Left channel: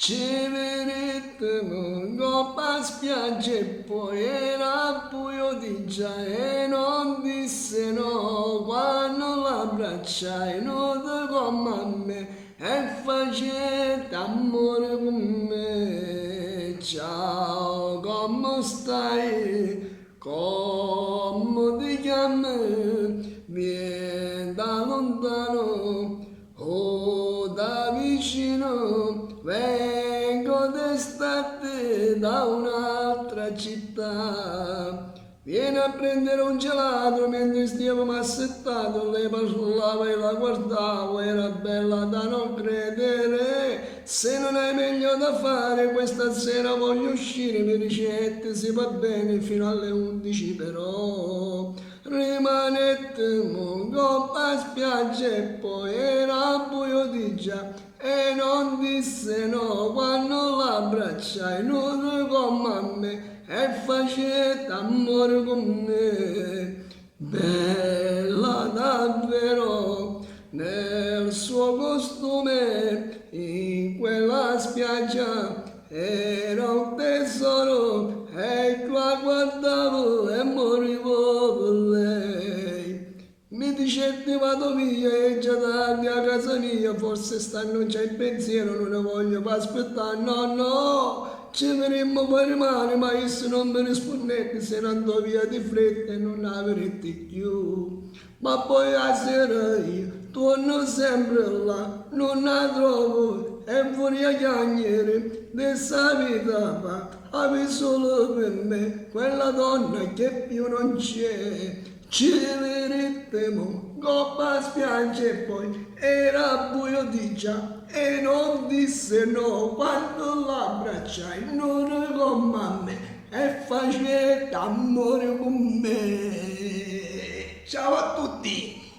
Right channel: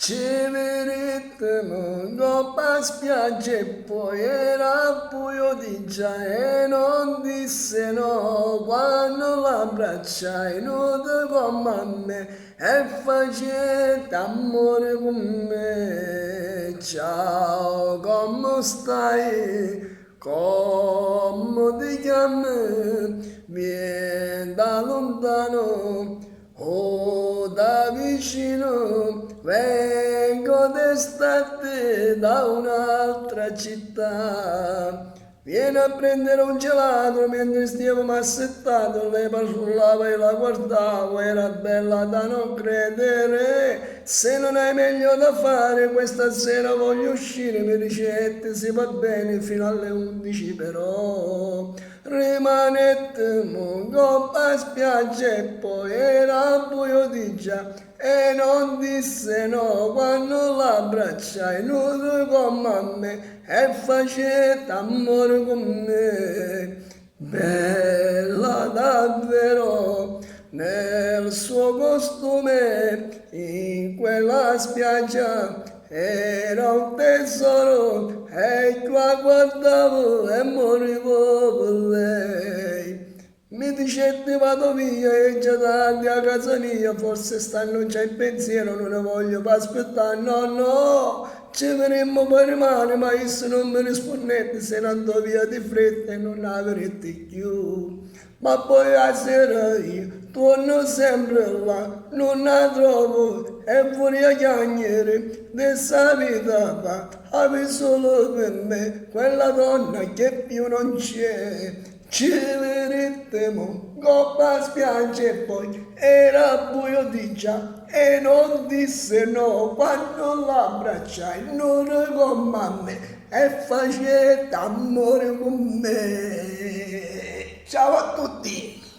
Ci vedremo coppa spiaggia e poi era buio di già e non disse no quando l'abbracciai nudo come a me e facette amore con me. Ciao, come stai? Come ti chiami? Vieni da lontano o da vicino, vengo d'estate da un'altra città. Vieni a prendere un gelato mentre stiamo assettato, lei parlava e la guardavo, era bella da non credere. Se non hai meglio da fare, questa sera voglio uscire, mi ricette, si va bene fino alle 11 però. Rimanette coppa spiaggia e poi era buio di già e non disse no quando l'abbracciai nudo come a me e facette amore con me. Bella davvero nel suo costume in quella spiaggia era un tesoro e la guardavo e morivo per lei. Mi dicette vado via e già tardi a casa mia, forse stanno già in pensiero, non ne voglio più aspettare, no, no, ci vedremmo poi rimane, ma io se non mi rispondete se ne andò via di fretta e non avrete più. Ma poi a sera io torno sempre là, non la trovo e vorrei chiagnere dessa vita va, avevi solo per me quella donna che più non c'è. Ci vedremo, coppa spiaggia e poi era buio di già e non disse no quando l'abbracciai, non come a me e facette amore con me. Ciao a tutti!